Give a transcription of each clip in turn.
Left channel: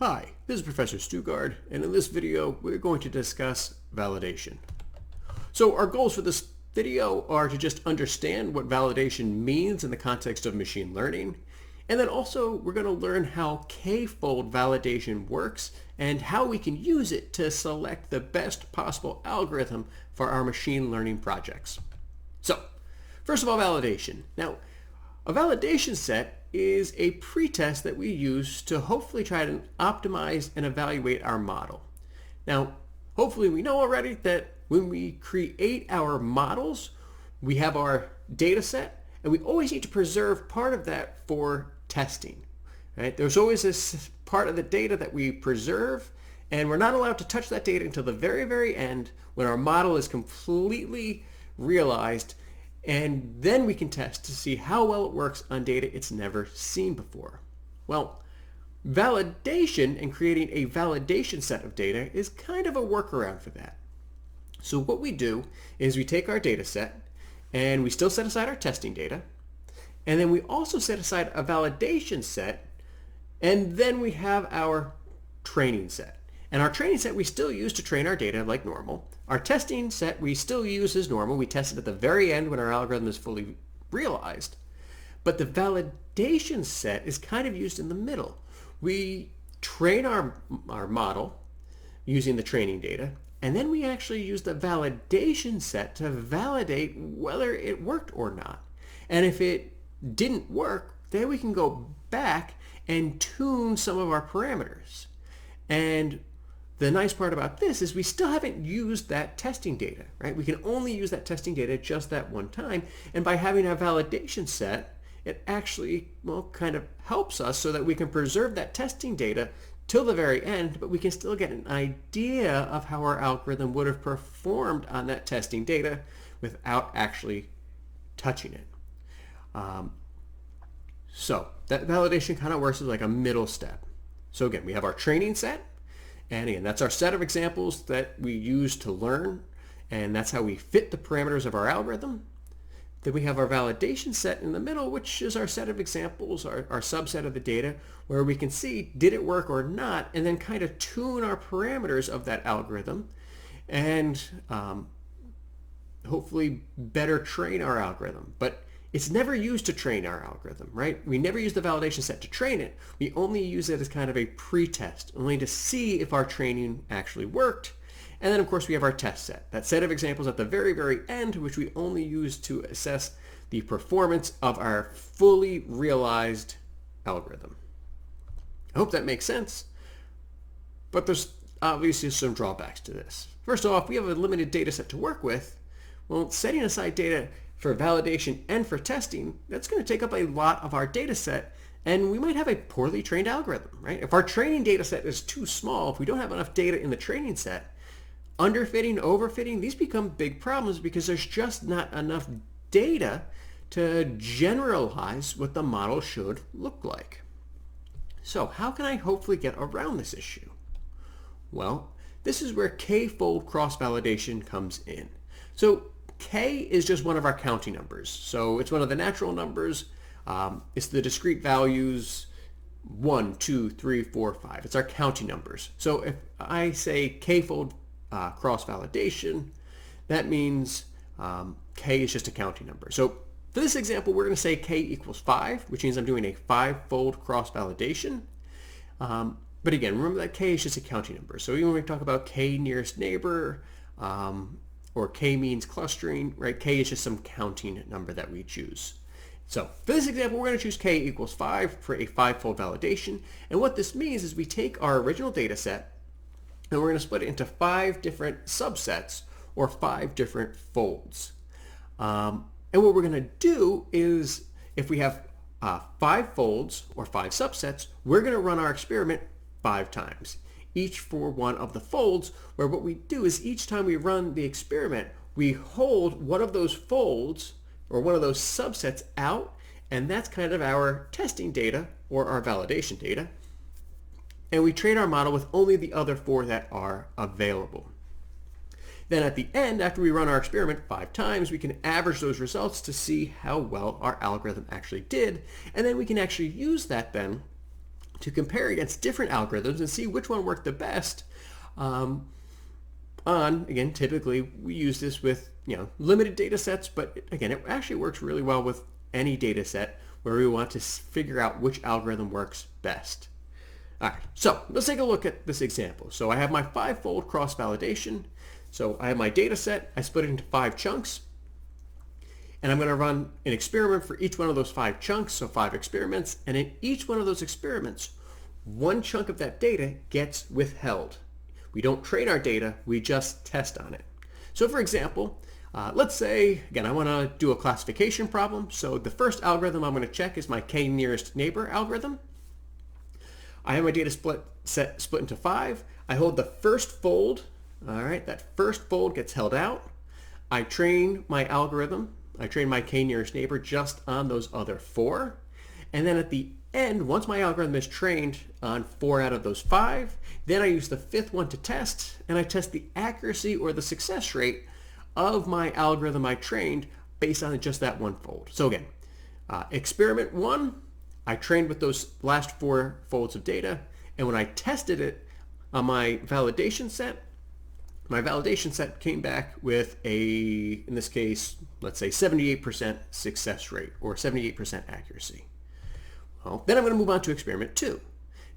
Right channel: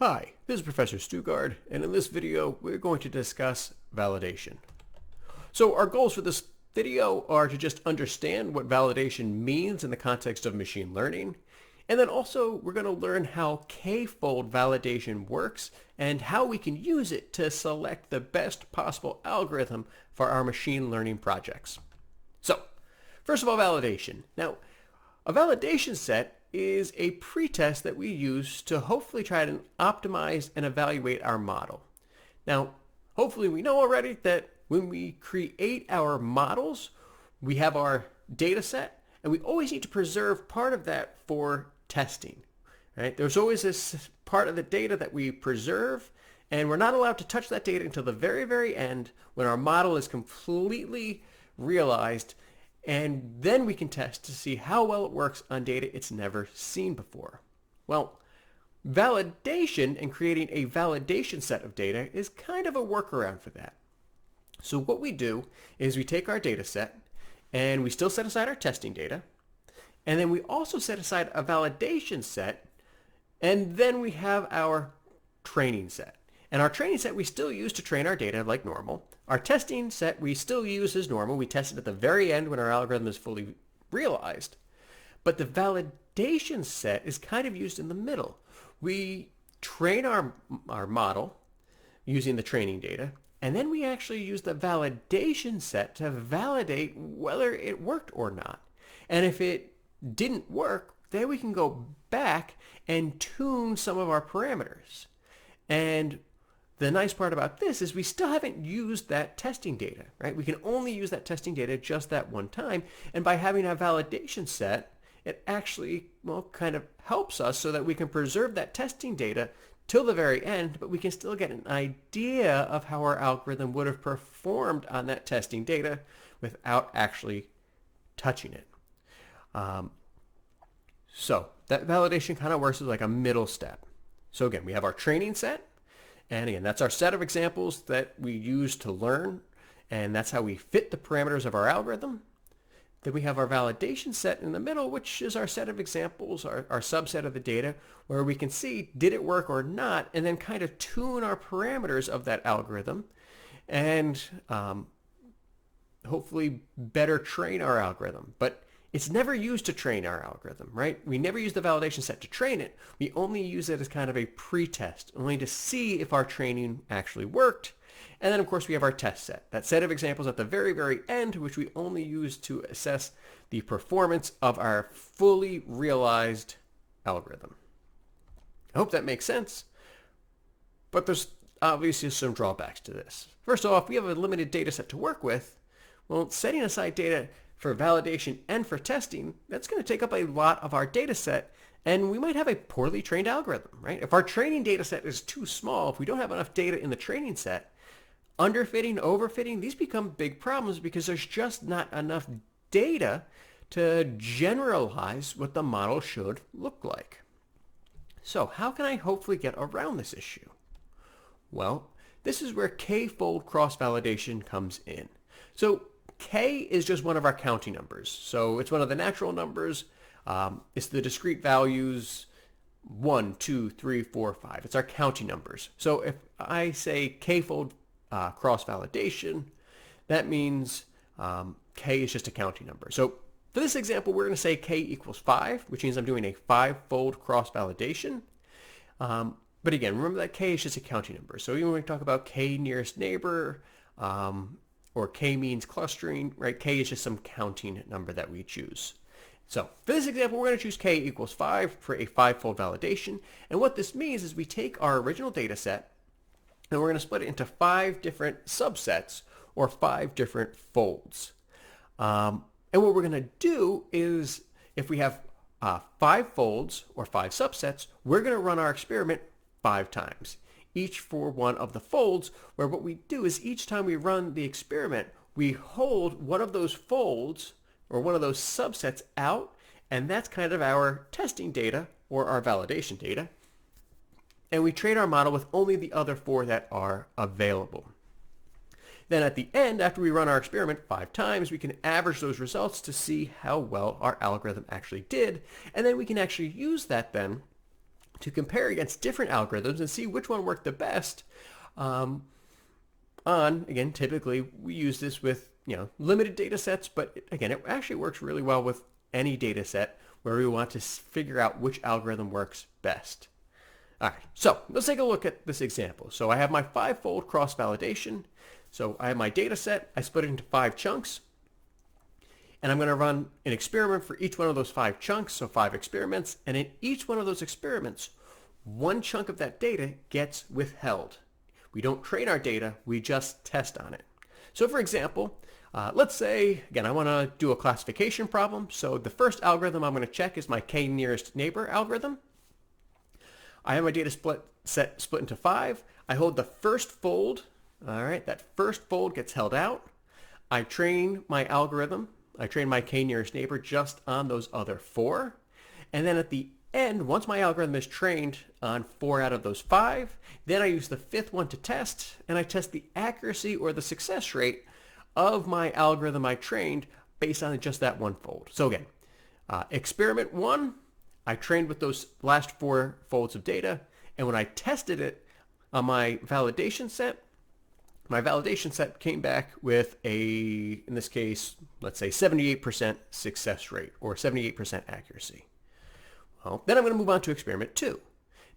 Hi, this is Professor Stugard, and in this video we're going to discuss validation. So our goals for this video are to just understand what validation means in the context of machine learning, and then also we're going to learn how k-fold validation works and how we can use it to select the best possible algorithm for our machine learning projects. So, first of all, validation. Now, a validation set is a pretest that we use to hopefully try to optimize and evaluate our model. Now, hopefully we know already that when we create our models, we have our data set, and we always need to preserve part of that for testing. Right? There's always this part of the data that we preserve, and we're not allowed to touch that data until the very, very end when our model is completely realized, and then we can test to see how well it works on data it's never seen before. Well, validation and creating a validation set of data is kind of a workaround for that. So what we do is we take our data set and we still set aside our testing data, and then we also set aside a validation set, and then we have our training set. And our training set we still use to train our data like normal. Our testing set we still use as normal. We test it at the very end when our algorithm is fully realized. But the validation set is kind of used in the middle. We train our model using the training data, and then we actually use the validation set to validate whether it worked or not. And if it didn't work, then we can go back and tune some of our parameters. And the nice part about this is we still haven't used that testing data, right? We can only use that testing data just that one time. And by having a validation set, it actually, kind of helps us so that we can preserve that testing data till the very end, but we can still get an idea of how our algorithm would have performed on that testing data without actually touching it. So that validation kind of works as like a middle step. So again, we have our training set. And again, that's our set of examples that we use to learn, and that's how we fit the parameters of our algorithm. Then we have our validation set in the middle, which is our set of examples, our subset of the data, where we can see did it work or not, and then kind of tune our parameters of that algorithm and hopefully better train our algorithm. But it's never used to train our algorithm, right? We never use the validation set to train it. We only use it as kind of a pretest, only to see if our training actually worked. And then, of course, we have our test set, that set of examples at the very, very end, which we only use to assess the performance of our fully realized algorithm. I hope that makes sense. But there's obviously some drawbacks to this. First off, we have a limited data set to work with. Well, setting aside data for validation and for testing, that's going to take up a lot of our data set, and we might have a poorly trained algorithm, right? If our training data set is too small, if we don't have enough data in the training set, underfitting, overfitting, these become big problems because there's just not enough data to generalize what the model should look like. So how can I hopefully get around this issue? Well, this is where k-fold cross-validation comes in. So k is just one of our counting numbers. So it's one of the natural numbers. It's the discrete values 1, 2, 3, 4, 5. It's our counting numbers. So if I say k-fold cross-validation, that means k is just a counting number. So for this example, we're going to say k equals 5, which means I'm doing a 5-fold cross-validation. But again, remember that k is just a counting number. So even when we talk about k nearest neighbor, or k means clustering, right? K is just some counting number that we choose. So for this example, we're going to choose k equals 5 for a 5-fold validation. And what this means is we take our original data set and we're going to split it into 5 different subsets or 5 different folds. And what we're going to do is if we have 5 folds or 5 subsets, we're going to run our experiment 5 times, each for one of the folds, where what we do is each time we run the experiment, we hold one of those folds or one of those subsets out, and that's kind of our testing data or our validation data. And we train our model with only the other 4 that are available. Then at the end, after we run our experiment 5 times, we can average those results to see how well our algorithm actually did. And then we can actually use that then to compare against different algorithms and see which one worked the best. Again, typically we use this with limited data sets, but again, it actually works really well with any data set where we want to figure out which algorithm works best. All right, so let's take a look at this example. So I have my 5-fold cross-validation. So I have my data set, I split it into 5 chunks, and I'm going to run an experiment for each one of those 5 chunks, so 5 experiments, and in each one of those experiments, one chunk of that data gets withheld. We don't train our data, we just test on it. So for example, let's say, again, I want to do a classification problem. So the first algorithm I'm going to check is my k-nearest neighbor algorithm. I have my data set split into 5. I hold the first fold. All right, that first fold gets held out. I train my algorithm. I train my k-nearest neighbor just on those other 4. And then at the end, once my algorithm is trained on 4 out of those 5, then I use the 5th one to test, and I test the accuracy or the success rate of my algorithm I trained based on just that one fold. So again, experiment 1, I trained with those last 4 folds of data, and when I tested it on my validation set came back with in this case, let's say 78% success rate or 78% accuracy. Well, then I'm going to move on to experiment 2.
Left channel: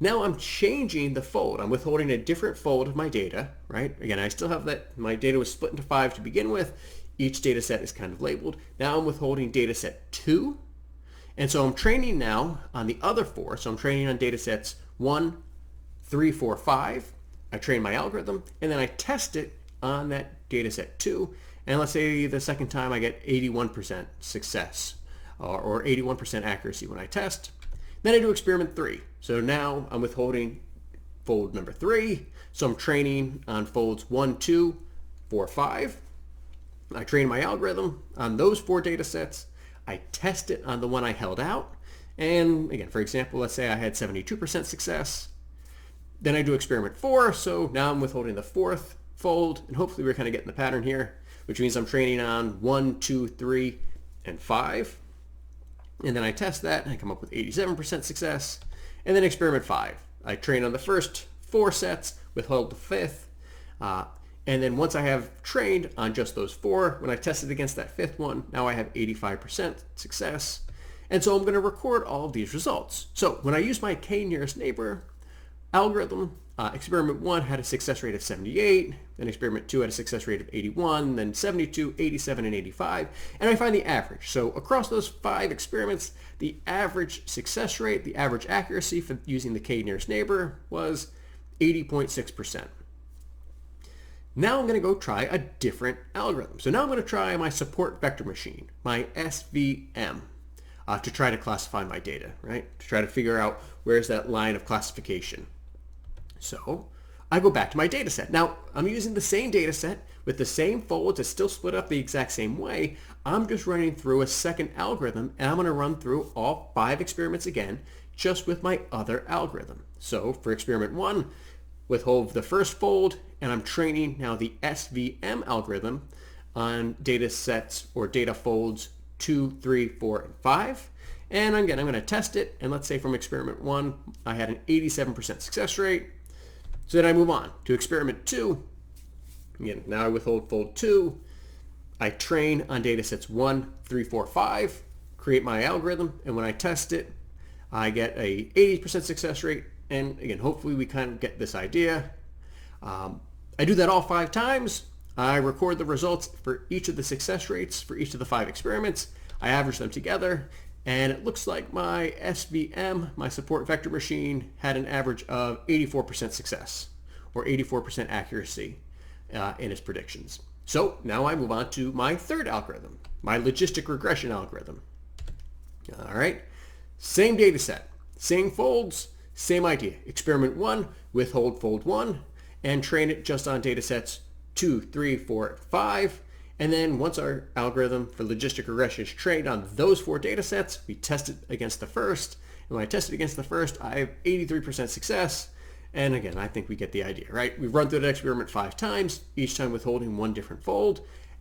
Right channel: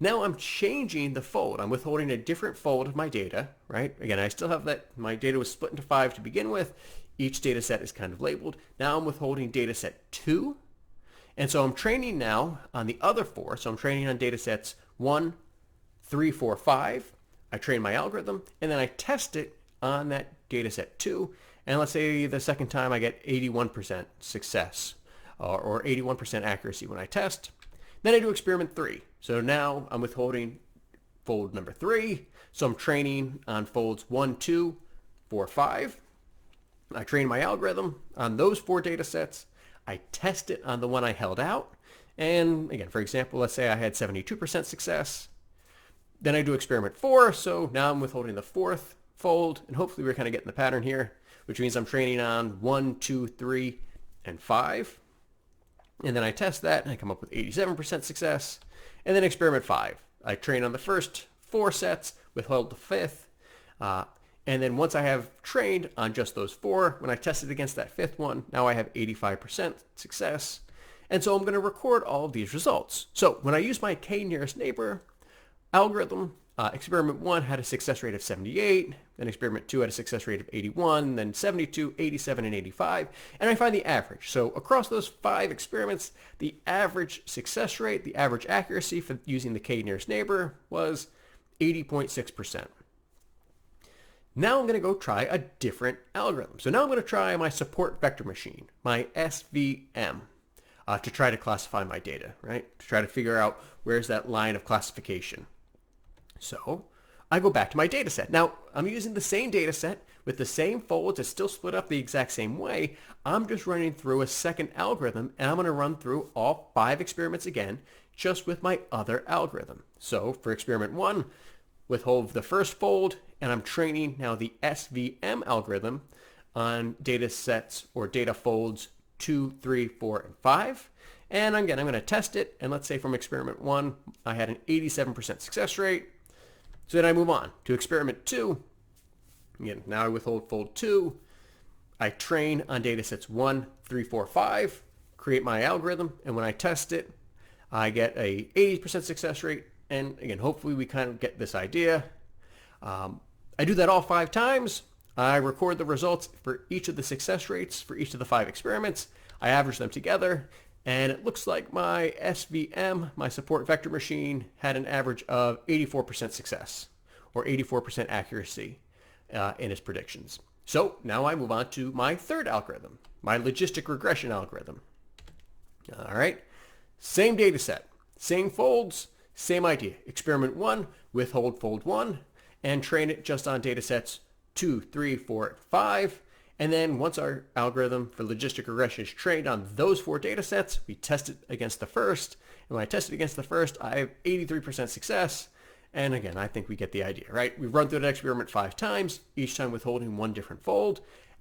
Now I'm changing the fold. I'm withholding a different fold of my data, right? Again, I still have that. My data was split into 5 to begin with. Each data set is kind of labeled. Now I'm withholding data set 2. And so I'm training now on the other 4. So I'm training on data sets 1, 3, 4, 5. I train my algorithm, and then I test it on that data set 2. And let's say the second time I get 81% success or 81% accuracy when I test. Then I do experiment 3. So now I'm withholding fold number 3. So I'm training on folds 1, 2, 4, 5. I train my algorithm on those 4 data sets. I test it on the one I held out. And again, for example, let's say I had 72% success. Then I do experiment 4. So now I'm withholding the 4th fold. And hopefully we're kind of getting the pattern here, which means I'm training on 1, 2, 3, and 5. And then I test that and I come up with 87% success. And then experiment 5. I train on the first 4 sets, withhold the 5th. And then once I have trained on just those 4, when I test it against that 5th one, now I have 85% success. And so I'm going to record all of these results. So when I use my k-nearest neighbor algorithm, experiment 1 had a success rate of 78, then experiment 2 had a success rate of 81, then 72, 87, and 85, and I find the average. So across those 5 experiments, the average success rate, the average accuracy for using the k-nearest neighbor was 80.6%. Now I'm going to go try a different algorithm. So now I'm going to try my support vector machine, my SVM, to try to classify my data, right? To try to figure out where's that line of classification. So I go back to my data set. Now I'm using the same data set with the same folds. It's still split up the exact same way. I'm just running through a second algorithm, and I'm going to run through all 5 experiments again, just with my other algorithm. So for experiment 1, withhold the first fold, and I'm training now the SVM algorithm on data sets or data folds 2, 3, 4, and 5. And again, I'm going to test it. And let's say from experiment 1, I had an 87% success rate. So then I move on to experiment 2. Again, now I withhold fold 2. I train on data sets 1, 3, 4, 5, create my algorithm. And when I test it, I get a 80% success rate. And again, hopefully we kind of get this idea. I do that all 5 times. I record the results for each of the success rates for each of the 5 experiments. I average them together, and it looks like my SVM, my support vector machine, had an average of 84% success or 84% accuracy in its predictions. So now I move on to my third algorithm, my logistic regression algorithm. All right, same data set, same folds, same idea. Experiment 1, withhold fold 1, and train it just on data sets 2, 3, 4, 5. And then once our algorithm for logistic regression is trained on those 4 data sets, we test it against the first. And when I test it against the first, I have 83% success. And again, I think we get the idea, right? We've run through the experiment 5 times, each time withholding one different fold.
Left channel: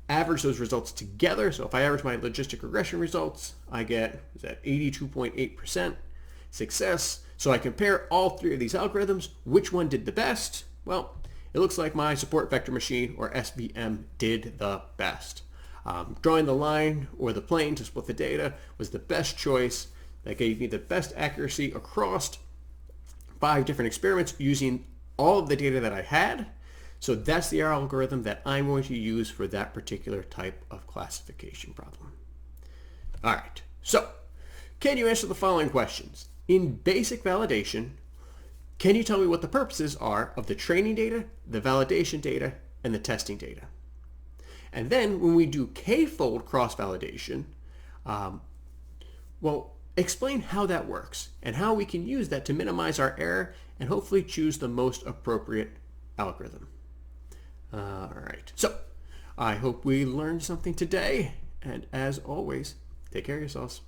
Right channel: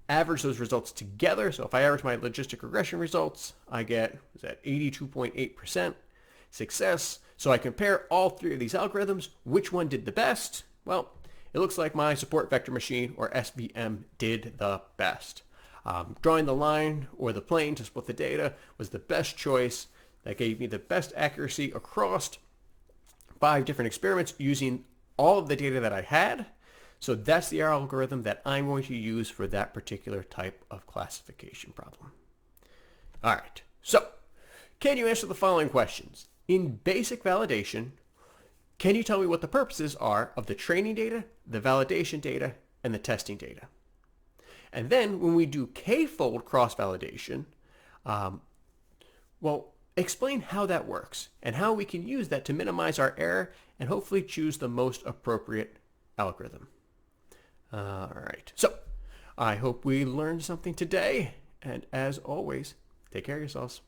Average those results together. So if I average my logistic regression results, I get 82.8% success. So I compare all three of these algorithms. Which one did the best? Well, it looks like my support vector machine, or SVM, did the best. Drawing the line or the plane to split the data was the best choice. That gave me the best accuracy across 5 different experiments using all of the data that I had. So that's the algorithm that I'm going to use for that particular type of classification problem. All right, so can you answer the following questions? In basic validation, can you tell me what the purposes are of the training data, the validation data, and the testing data? And then when we do k-fold cross-validation, well, explain how that works and how we can use that to minimize our error and hopefully choose the most appropriate algorithm. All right, so I hope we learned something today. And as always, take care of yourselves.